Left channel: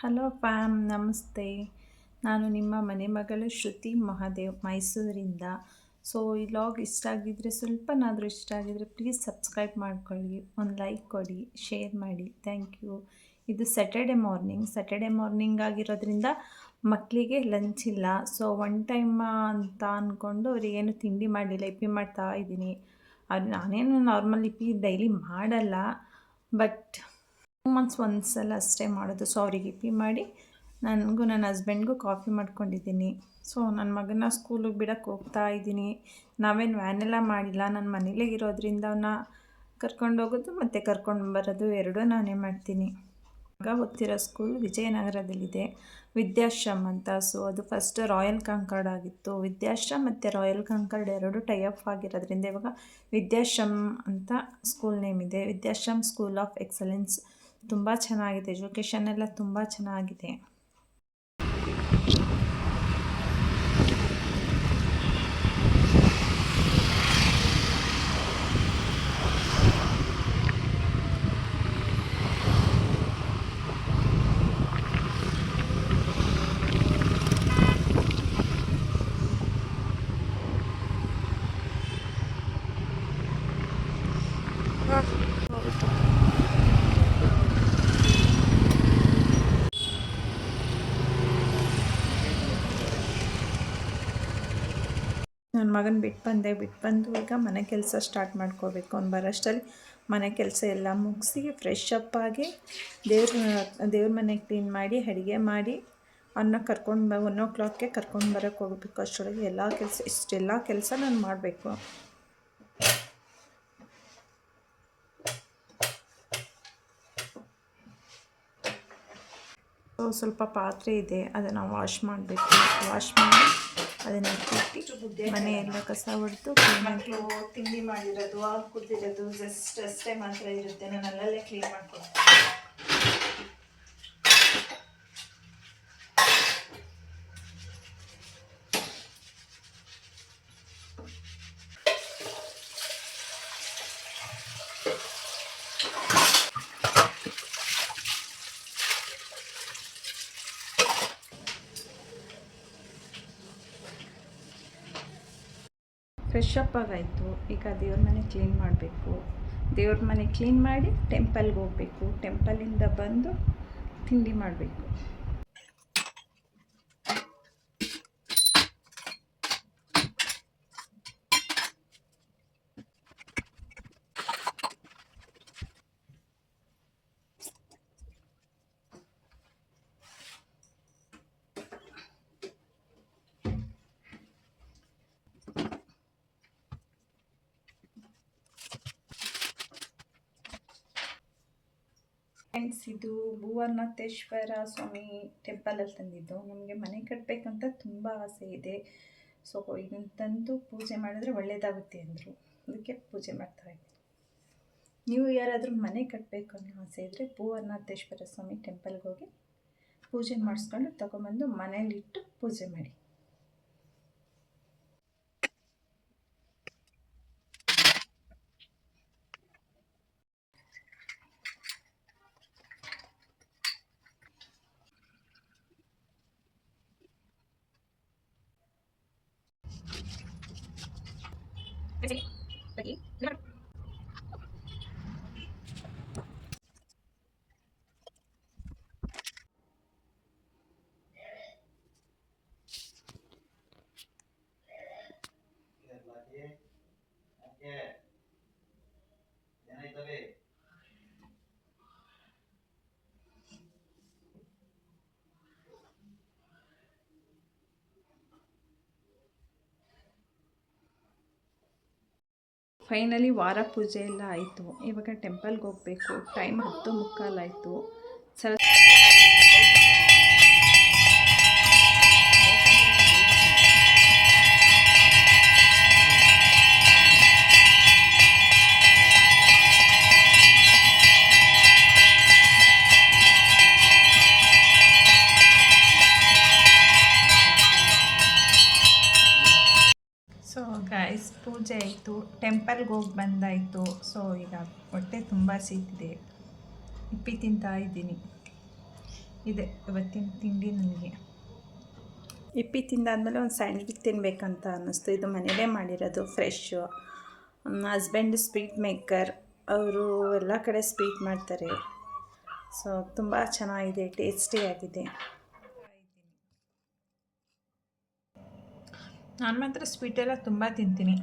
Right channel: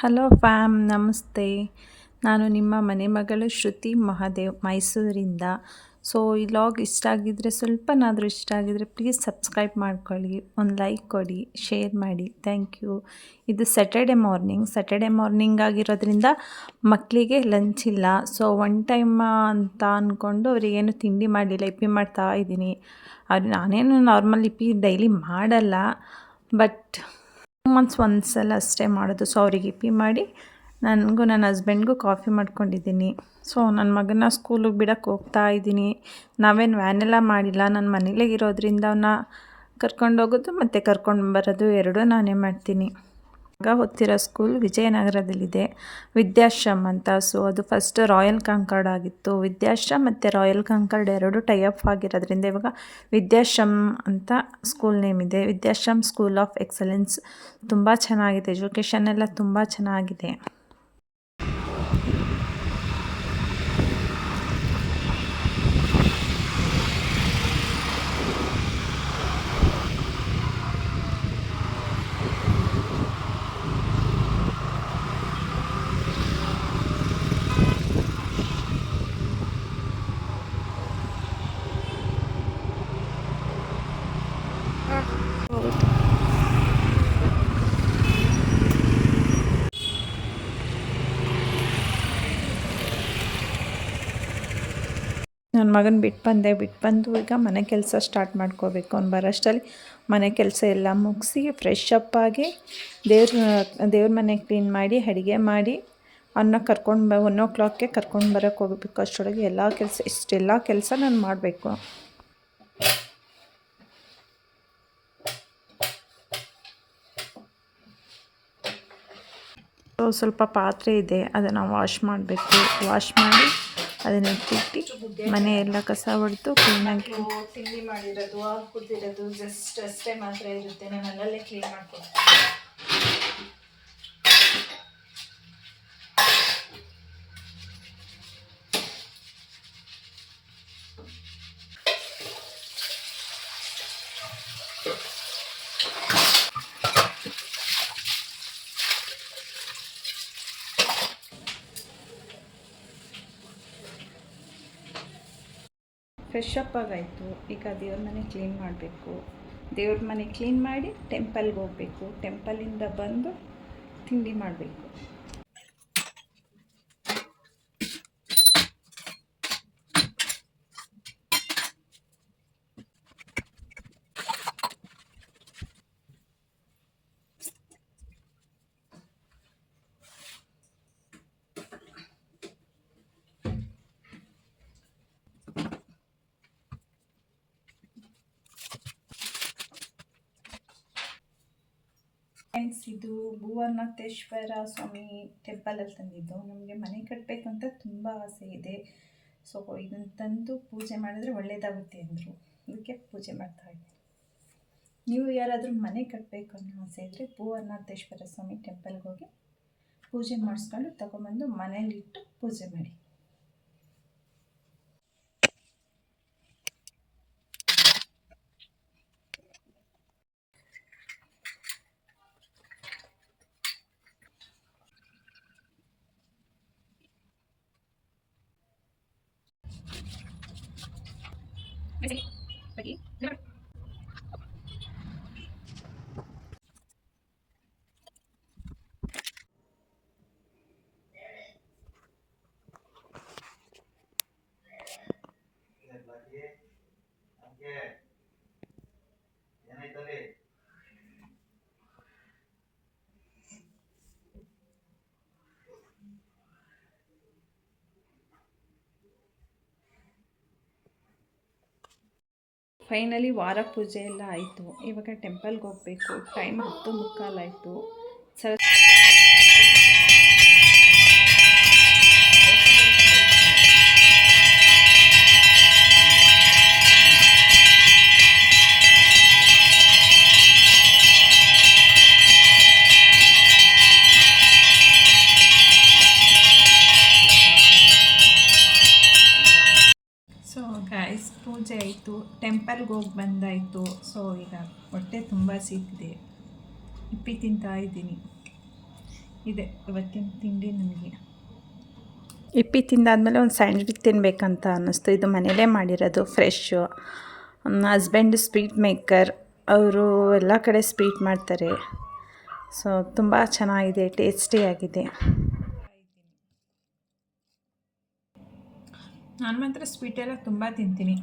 Hello fam, ನಮಸ್ತೆ. ನಾನು ನಿಮ್ಮ ಮನೆ ಮಗಳು ಶ್ರುತಿ ಮಹಾದೇವ್, ಮೈಸೂರಿಂದ. ಸೊ ಈ ಲಾಗ್ ಇಷ್ಟ ಆಗಿದ್ದರೆ, ಸ್ವಲ್ಪನಾದರೂ ಇಷ್ಟ ಆಗಿದರೆ ಪ್ಲೀಸ್ ಸಬ್ಸ್ಕ್ರೈಬ್ ಮಾಡ್ಕೊಳ್ಳಿ, ಒಂದು ಲೈಕ್ ಕೊಡಿ, ಶೇರ್ ಮಾಡಿ. Thank you. ಇದು ಸ್ಯಾಟರ್ಡೆ ಮಾರ್ನಿಂಗ್ ಆಗಿರೋದ್ರಿಂದ ಮಕ್ಕಳಿಗೆ ಲಂಚ್ ಇಲ್ಲ. ಸೊ ಒನ್ ಟೈಮ್ ಅಂತ ಅಂದ್ಕೊಂಡು ಅವರಿಗೇನು ತಿಂಡಿ ಮಾಡಲಿಲ್ಲ, ಇಪ್ಪಿ ಮಾಡ್ತಾ ಇದ್ದೀನಿ. ನಾನೇನು ನಾರ್ಮಲ್ ಇಪ್ಪಿ ಡೈಲಿ ಮಾಡಲ್ಲ, ಬಟ್ ಮಂತ್ಸ್ ಒಂದು ಸಲ ಅಷ್ಟೇ ಮಾಡೋದು. ಸೊ ಅವ್ರಿಗೆ ಇಪ್ಪಿ ಮಾಡಿ ನನಗೂ ನನ್ನ ಹಸ್ಬೆಂಡ್ಗೂ ಕಾಫಿ ಮಾಡ್ಕೊಂಡಿದ್ದೀನಿ. ಸೊ ನನ್ನ ಮಗನ ಸ್ಕೂಲಿಗೆ ಬಿಡೋಕ್ಕೆ ಹೋಗ್ತಾ ಇದ್ದೀನಿ. ನಾವೇನು ವ್ಯಾನೆಲ್ಲ ಮಾಡಿಲ್ಲ, ನನ್ನ ಮನೇಲೇ ಇರೋದ್ರಿಂದ ಅವನ್ನ ಕರ್ಕೊಂಡೋಗೋದು ಮತ್ತು ಕರ್ಕೊಂಡು ಬರೋದು ಎರಡೂ ನಾನೇ ಮಾಡ್ತೀನಿ. ಮಗ ಓದ್ತಿರೋ ಸ್ಕೂಲ್ ವಿಜಯನಗರದಲ್ಲಿದೆ, ವಿದ್ಯಾಶ್ರಮ್ ಅಂತ. ಸೊ ಅದು ಫಸ್ಟ್ ರಾಯಲ್ ಕಾಂಕಾರ್ಡ್ ಆಗಿತ್ತು. ವಿದ್ಯಾಶ್ರಮ್ ಮತ್ತು ರಾಯಲ್ ಕಾಂಕಾರ್ಡ್ ಎರಡು ಟೈಅಪ್ ಆಗಿರೋದ್ರಿಂದ ಇವಾಗ ವಿದ್ಯಾಶ್ರಮ್ ಅಂತ ಸ್ಕೂಲ್ ನೇಮ್ ಇದೆ. ವಿದ್ಯಾಶ್ರಮ್ ಸ್ಕೂಲ್ ಆಫ್ ಎಕ್ಸಲೆನ್ಸ್. ತುಂಬ ಚೆನ್ನಾಗಿದೆ, ಎಜುಕೇಷನ್ ಎಲ್ಲ ತುಂಬ ಚೆನ್ನಾಗಿದೆ. ಹೌದು. ನನ್ನ ಮಗನ ಬಿಟ್ಟು ಬಂದು ಈಗ ಮನೆ ಕೆಲಸ ಸ್ಟಾರ್ಟ್ ಮಾಡ್ಕೋಬೇಕು. ಅವ್ನು ಬರೋಷ್ಟರಲ್ಲಿ ಮನೆ ಕೆಲಸ ಎಲ್ಲ ಮುಗಿಸಿ ಫ್ರೆಶ್ ಅಪ್ ಆಗಿ ದೇವ್ರ ಮನೆ ಕ್ಲೀನ್ ಮಾಡಿ ಅಡುಗೆ ಮಾಡಿ ಅವನ್ನ ಕರ್ಕೊಂಡು 1 o'clockಗೆ ಕರ್ಕೊಂಡು ಬರೋಕ್ಕೆ ಹೋಗಬೇಕು. ಅಷ್ಟರೊಳಗೆ ಇಷ್ಟೆಲ್ಲ ಕೆಲಸ ನಾನು ಮಾಡಬೇಕು. ಸ್ವಲ್ಪ ಪಾತ್ರೆ ಇದೆ, ಅದನ್ನು ವಾಶ್ ಮಾಡಬೇಕು. ವಾಶ್ ಮಾಡಿ ಅದನ್ನು ಇಟ್ಟು ಮನೆ ಎಲ್ಲ ಕಸ ಹೊಡೆದು ಕ್ಲೀನಾಗಿ. ತಿಂಡಿ ಮಾಡಿರೋದು, ಕುದಿರೋದು ಜಸ್ಟ್ ಅಷ್ಟೇ ಮಾತ್ರ ಇರುತ್ತೆ. ನಾನು ಅಲ್ಲಲ್ಲೇ ಕ್ಲೀನ್ ಮಾಡ್ತೀನಿ. ಫ್ರೆಶ್ ಅಪ್ ಆಗಾಯಿತು. ಈಗ ದೇವ್ರ ಮನೆ ಕ್ಲೀನ್ ಮಾಡಬೇಕು. ದೇವ್ರ ಮನೆ ಕ್ಲೀನ್ ಮಾಡಿ ಟೆಂಪಲ್ಗೆ ಹೋಗಬೇಕು. ಟೆಂಪಲಿಂದ ಬಂದು ತಿಂಡಿ ಮಾಡಬೇಕು. ಫ್ರೆಂಡ್ಸ್, ಇದು ಭುವನಾಥೇಶ್ವರ ಸ್ವಾಮಿ ಟೆಂಪಲಲ್ಲಿ ತಂದಿದ್ದು. ನಮಗೆ ಮನೆ ಕಟ್ಟಬೇಕಂತ ತುಂಬ ಆಸೆ ಇದೆ. ಸೊ ಇದನ್ನು ತಂದು ಪೂಜೆ ಮಾಡಿದ್ರೆ ಒಳ್ಳೆಯದಾಗುತ್ತೆ ಅಂದರು, ಅದಕ್ಕೆ ಪೂಜೆ ಮಾಡ್ತಾಯಿದ್ದೀನಿ. ನೀವು ಯಾರಾದರೂ ಮನೆ ಕಟ್ಟಬೇಕು ಅನ್ನೋ ಆಸೆ ಇದ್ದರೆ ಭುವನಾಥೇಶ್ವರ ಸ್ವಾಮಿ ಟೆಂಪಲ್ಗೆ ಹೋಗಿ ಪೂಜೆ ಮಾಡಿಸ್ಕೊಂಡು ತಗೊಂಬಂದು ಮನೇಲಿಟ್ಟು ಪೂಜೆ ಮಾಡಿ. ಫೈನಲಿ ವಾರ ಪೂಜೆ ಎಲ್ಲ ಆಯಿತು. ಇವಾಗ ಟೆಂಪಲ್ಗೆ ಹೋಗಬೇಕು. ಟೈಮ್ 10:15 ಆಯಿತು. ಗೈಸ್, ಪೂಜೆ ಆಯಿತು, ಟೆಂಪಲ್ಗೆ ಹೋಗಿ ಬಂದಾಯಿತು. ಸೊ ಈಗ ಹೊಟ್ಟೆ ತುಂಬ ಸೀತಿದೆ, ಇಪ್ಪಿ ತಿಂತಾ ಇದ್ದೀನಿ. ಇದೆ ಇವತ್ತಿನ ತಿಂಡಿ ನನಗೆ. ಇಪ್ಪಿ ತಿಂದಾದಮೇಲೆ ಒಂದು ಸ್ಯಾಂಡ್ವಿಚ್ ತಿನ್ನಬೇಕಂತ ಅನ್ನಿಸ್ತು. ಇದು ಮನೇಲೇ ಮಾಡಿರೋದು ಫ್ರೆಶ್ಶು. ನನ್ನ ಹಸ್ಬೆಂಡ್ ಸ್ವೀಟ್ ಮೇಕರ್, ಅವರು ಎಲ್ಲ ಕಡೆ ಸ್ವೀಟ್ ಮಾಡ್ತಾರೆ. ಸೊ ತುಂಬ ಚೆನ್ನಾಗಿದೆ, ಟೇಸ್ಟಿಯಾಗಿದೆ. ನಾನು ಮಾತ್ರ ಸ್ವೀಟೆಲ್ಲ ತುಂಬ ತಿಂತೀನಿ.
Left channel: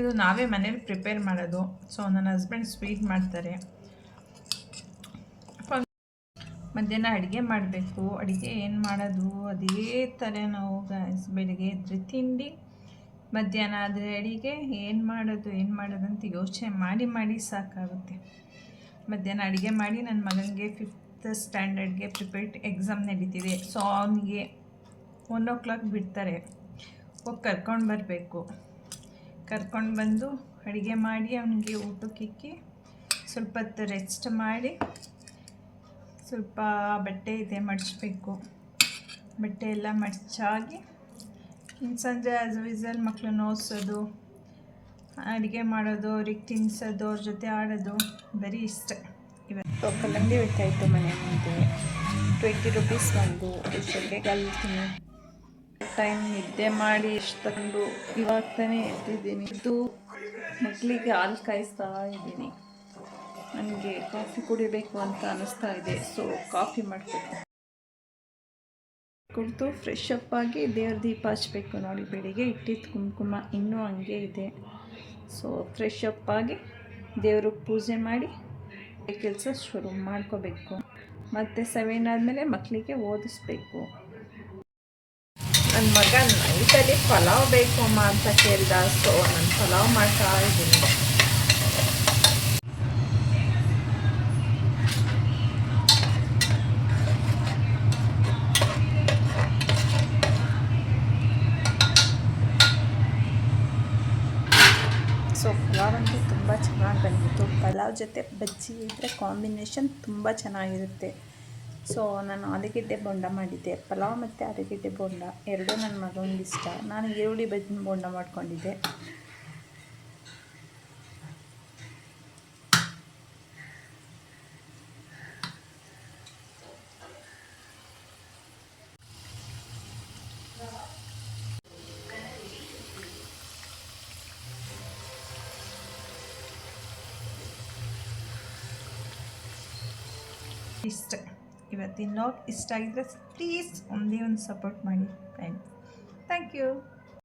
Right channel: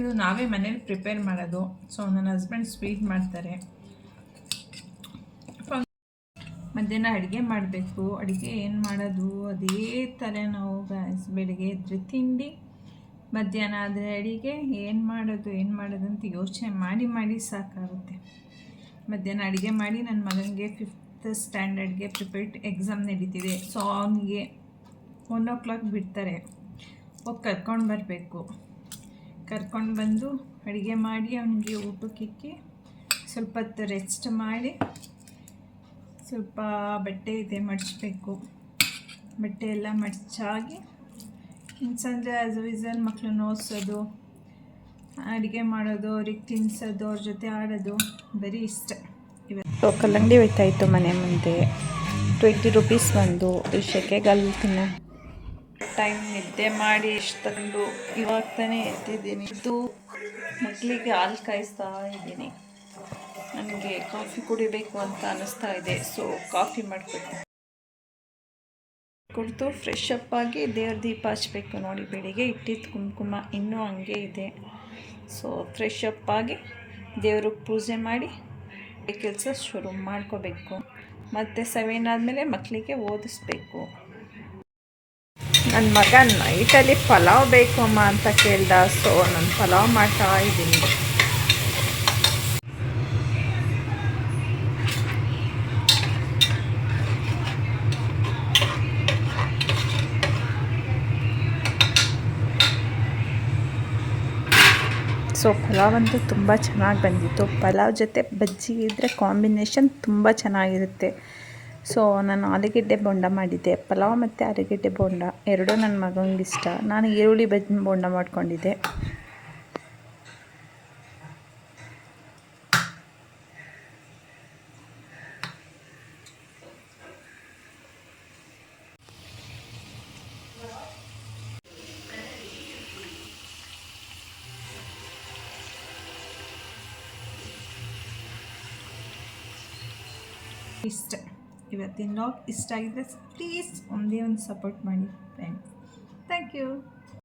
ಇದು ನಾವೇ ಮನೇಲಿ ಪ್ರಿಪೇರ್ ಮಾಡೋದು. ಸೊ ನನ್ನ ಹಸ್ಬೆಂಡ್ ಸ್ವೀಟ್ ಮಾಡ್ತಾರೆ. ಮಧ್ಯಾಹ್ನ ಅಡುಗೆ ಮಾಡಬೇಕು. ಅಡುಗೆ ಏನು ಮಾಡೋದು ಅದೇ ಥರ ನಾವು ಬೆಳಗ್ಗೆ ಎದ್ದರೆ ತಿಂಡಿ, ಮಧ್ಯಾಹ್ನ ಆದರೆ ಅಡುಗೆ, ಏನು ಮಾಡೋದು ಅಂತ ಯೋಚನೆ ಮಾಡಿ ಸಾಕಾಗುತ್ತೆ. ಮಧ್ಯಾಹ್ನ ಅಡುಗೆ ಮಾಡಿ ನನ್ನ ಮಗನಿಗೆ 5th ಸ್ಟ್ಯಾಂಡರ್ಡ್ಗೆ ಪ್ರಿಪೇರ್ಡ್ ಎಕ್ಸಾಮ್ ನಡೀತಿದೆ. ಸೊ ಅವನಿಗೆ 1 o'clock ಬಿಡ್ತಾರೆ. ಹೋಗಿ ಕರ್ಕೊಂಡು ಬರಬೇಕು. ಕರ್ಕೊಂಡು ಬಂದು ಅಡುಗೆ ಮಾಡಿ ಅವನಿಗೆ ಊಟಕ್ಕಿಕ್ಕಿ ಸ್ವಲ್ಪ ಹೊತ್ತು ರೆಸ್ಟ್ ಮಾಡಿ, ಸ್ವಲ್ಪ ಬಟ್ಟೆ ಇದೆ ಮಡಚಬೇಕು. ಬಟ್ಟೆ ಎಲ್ಲ ಮಡಚಾಗಿ ಇನ್ನು ಸಂಜೆ ಆಸ್ ಯೂಸಲ್ ಮಕ್ಕಳನ್ನ ಓದಿಸೋದು, ಅಡುಗೆ ಮಾಡೋದು, ಅವ್ರಿಗೆ ತಿನ್ನಿಸೋದು, ಅವ್ರ ಜೊತೆ ಆಡೋದು ಬರೀ ಇಷ್ಟ. ಇವತ್ತು ಕಲ್ಲಂಗಡಿ ಹೋಯ್ತಾಯಿತ್ತು ಮನೆ ಮುಂದೆ. 20 rupees ಒಂದು ಶೆಕೆಗಲ್ಲಿ ತಿನ್ನೋ ಟೈಮ್. ನಿದ್ದೆ ಮಾಡಿ ಇಷ್ಟು ತಗೊಂಡು ಇವಾಗ ತಾನೇ ಎದ್ದಿದ್ದೀನಿ. ಇದು ಮಕ್ಕಳಿಗೆ ಹಾಲು ಕಾಯಿಸ್ತಾ ಇದ್ದೀನಿ. ನನಗೆ ಕಾಫಿ ಕುಡಿಬೇಕು ಅಂತ ಅನ್ನಿಸ್ತಾ ಇದೆ. ಸೊ ಕಾಫಿ ಕುಡಿದು ಫ್ರೆಶ್ ಅಪ್ ಆಗಿ ದೇವ್ರ ದೀಪ ಹಚ್ಚಬೇಕು. ನೋಡಿ, ಬೆಳಿಗ್ಗೆ ಇಟ್ಟಿದ್ದು ಕುಂಕುಮ ಇನ್ನೂ ಹಂಗೆ ಇದೆ. ಸೊ ಫ್ರೆಶ್ ಅಪ್ ಆಗಿ ದೇವ್ರಿಗೆ ಪೂಜೆ ಮಾಡಿ ಕೆಲಸ ಶುರು ಮಾಡ್ಕೋಬೇಕು. ಮತ್ತು 7 ಆದಮೇಲೆ ಮಕ್ಕಳಿಗೆ ಓದಿಸ್ಬೇಕು. ನನ್ನ ಮಗ ನೈಟಲ್ಲಿ ಪಲಾವ್ ಬೇಕಮ್ಮ ಅಂತ ಕೇಳ್ದ. ಸೊ ನಾನು ಪಲಾವ್ ಮಾಡ್ತಾ ಇದ್ದೀನಿ. ಸೊ ಪಲಾವ್ ಅಂತೂ ತುಂಬ ಚೆನ್ನಾಗಿ ಬಂದಿತ್ತು. ಪಲಾವ್ ಜೊತೆ ಬಜ್ಜಿ ಇದ್ದರೆ ಕಾಂಬಿನೇಷನ್ ತುಂಬ ಚೆನ್ನಾಗಿರುತ್ತೆ. ಸೊ ನಾನು ಆಲೂಗೆಡ್ಡೆ ಬೋಂಡ ಮಾಡಿದ್ದೆ. ಪಲಾವ್ ಮತ್ತು ಆಲೂಗೆಡ್ಡೆ ಬೋಂಡ ಎರಡೂ ನನ್ನ ಮಗನಿಗೆ ಇಷ್ಟ. ನಾನು ಈರುಳ್ಳಿ ಬೋಂಡ ಮಾಡ್ಕೊಂಡಿದ್ದೆ. ಇಷ್ಟ ಇವತ್ತಿನ ಲಾಗ್ ಇಷ್ಟ ಆಗಿದ್ರೆ ಪ್ಲೀಸ್ ಒಂದೇ ಒಂದು ಸಪೋರ್ಟ್ ಮಾಡಿ ಫ್ರೆಂಡ್ಸ್. Thank you.